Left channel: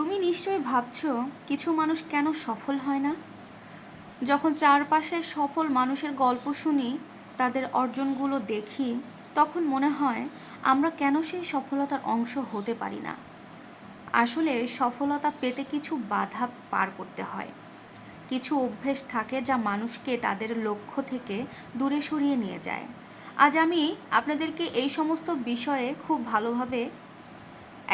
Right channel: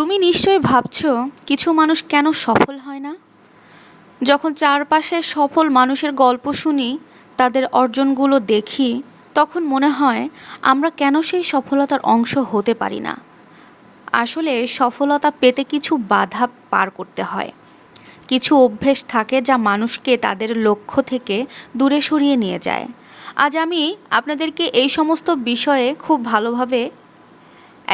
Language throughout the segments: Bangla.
তুমি নিশ্চয়ই ভাবছ কিছু মানুষ কেন সফল হয় না? যখন চারপাশে সফল মানুষের গল্প শুনি, তাদের অর্জনগুলো দেখি, তখন মনে হয় আমরা কেন সেই সফলতার অংশ হতে পারি না। আসলে সফলতা পেতে কিছু বাধা পার করতে হয়। কিছু অভ্যেস থাকে যা মানুষকে তাদের লক্ষ্য থেকে দূরে সরিয়ে নিয়ে যায়। আজ আমি আপনাদেরকে এই সমস্ত বিষয়ে খুব ভালোভাবে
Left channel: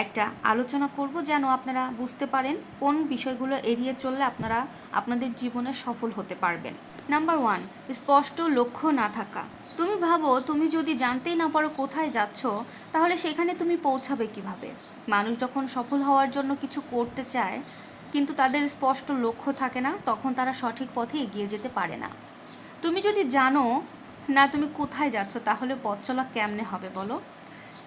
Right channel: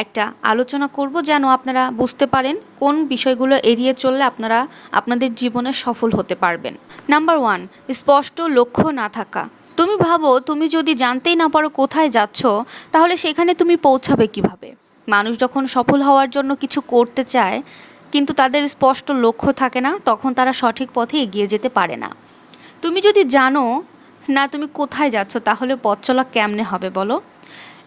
একটা আলোচনা করব যেন আপনারা বুঝতে পারেন কোন বিষয়গুলো এড়িয়ে চললে আপনারা আপনাদের জীবনে সফল হতে পারবেন। নাম্বার ওয়ান, স্পষ্ট লক্ষ্য না থাকা। তুমি ভাবো তুমি যদি জানতেই না পারো কোথায় যাচ্ছ, তাহলে সেখানে তুমি পৌঁছাবে কীভাবে? মানুষ যখন সফল হওয়ার জন্য কিছু করতে চায়, কিন্তু তাদের স্পষ্ট লক্ষ্য থাকে না, তখন তারা সঠিক পথে এগিয়ে যেতে পারে না। তুমি যদি জানো, না, তুমি কোথায় যাচ্ছ, তাহলে পথ চলা কেমনে হবে বলো?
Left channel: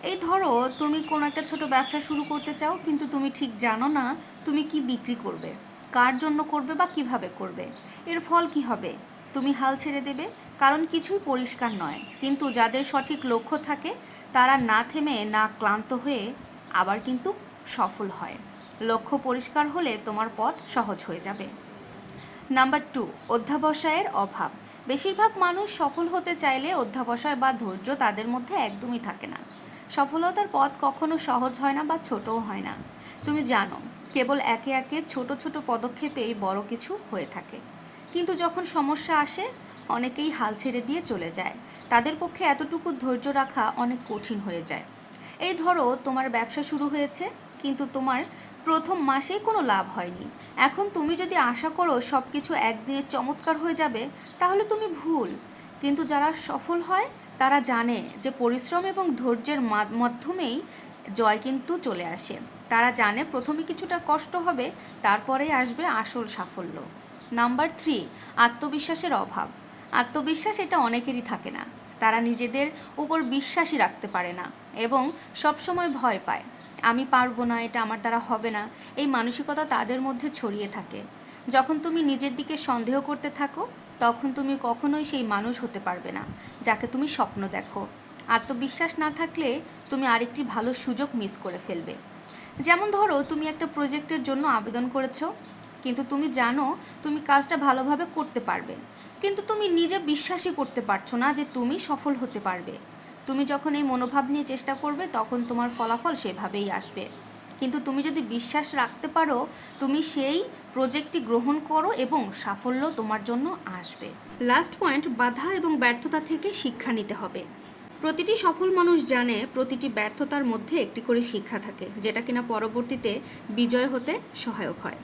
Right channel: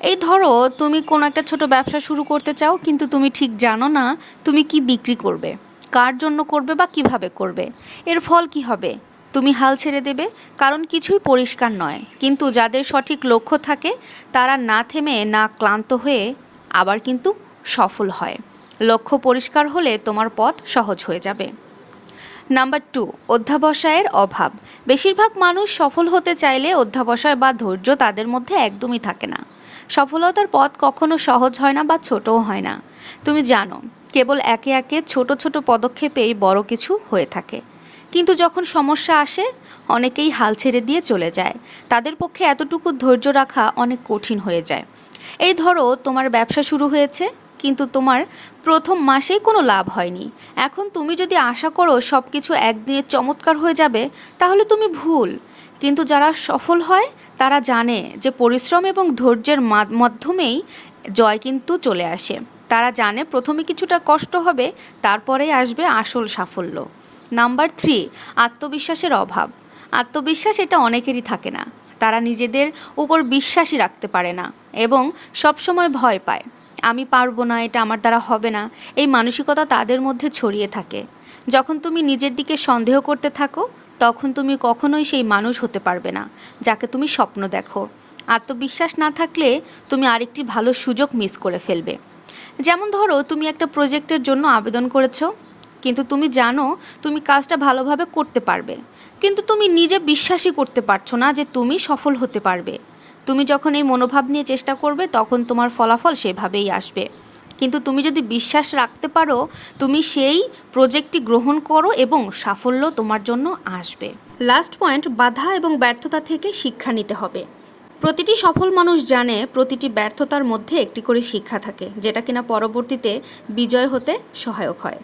এই ধরো, তুমি কোনো একটা ছোট ব্যবসা শুরু করতে চাও, কিন্তু তুমি ঠিক জানো না তুমি কি বিক্রি করবে, কার জন্য করবে বা কীভাবে করবে। এর ফল কি হবে? তুমি হাল ছেড়ে দেবে, কারণ কিছুই পরিষ্কার নয়। কিন্তু যাদের সঠিক লক্ষ্য থাকে, তারা না থেমে, না ক্লান্ত হয়ে আবার কিন্তু সফল হয়। লক্ষ্য পরিষ্কার হলে তোমার পথ সহজ হয়ে যাবে। নাম্বার টু, অধ্যাবসায়ের অভাব। বেশিরভাগ মানুষ সফল হতে চাইলে অধ্যাবসায় বা ধৈর্য তাদের মধ্যে একদমই থাকে না। সফলতার পথ কখনো সহজ হয় না বা ছোটও হয় না। তুমি জানো, কেবল একে একে ছোট ছোট পদক্ষেপেই বড় কিছু হয়ে থাকে। কিন্তু যখন সমস্যা আসে, অনেকেই হাল ছেড়ে দিয়ে চলে যায়। তাদের পক্ষে এতটুকু ধৈর্য রাখা অনেক কঠিন হয়ে যায়। এই ধরো, তোমার ব্যবসা শুরু হয়েছে, কিন্তু তোমার প্রথম মাসেই কোনো লাভ হয়নি। এখন তুমি যদি আশা করো সব কিছু একদিনে চমৎকার হয়ে যাবে, তাহলে তুমি ভুল। কিন্তু যারা সফল হয় তারা জানে যে পরিশ্রম এবং ধৈর্যের মাধ্যমেই জয় কিন্তু চলে আসে। তারা জানে প্রথমে কিছুটা কষ্ট হবে, তারপরে আসবে আসল সাফল্য। নাম্বার থ্রি আত্মবিশ্বাসের অভাব। আত্মবিশ্বাস এটা অনেকেরই থাকে না। তারা নিজেদের উপর বিশ্বাসই রাখতে পারে না এবং সবসময় ভয় পায়। আমি পারব না, এটা আমার দ্বারা হবে না। এই মানসিকতা তাদের মধ্যে ছড়িয়ে থাকে। যখন তুমি নিজের দিকে সন্দেহ করতে থাকো তখন তুমি কখনোই সেই মানুষ হতে পারবে না, যাকে তুমি স্বপ্ন দেখো। আত্মবিশ্বাস না থাকলে তুমি আরেকটি ভালো সুযোগ মিস করে ফেলবে। যেমন ধরো, তুমি একটা প্রজেক্টের জন্য আবেদন করেছ, কিন্তু তুমি জানো তুমি কাজটা ভালোভাবে করতে পারবে। কিন্তু তুমি নিজে বিশ্বাসই করতে পারছ না যে তুমি সফল হতে পারবে। তুমি যখন এই মনোভাব নিয়ে চেষ্টা করবে, তখন তোমার ফলাফল সেভাবেই আসবে। কিন্তু তুমি যদি বিশ্বাস রাখতে পারো, তুমি সেই প্রজেক্টটি গ্রহণ করো এবং সাফল্য তোমার জন্য আসবে। লাস্ট পয়েন্ট বাধা এবং ব্যর্থতা থেকে শিক্ষা নিতে হবে। প্রতিটি সফল মানুষ জানে প্রতিটি ব্যর্থতার মধ্যে একটি করে শিক্ষা থাকে, যেটা কিনা পরবর্তীতে বিজয় হতে সহায়ক হয়।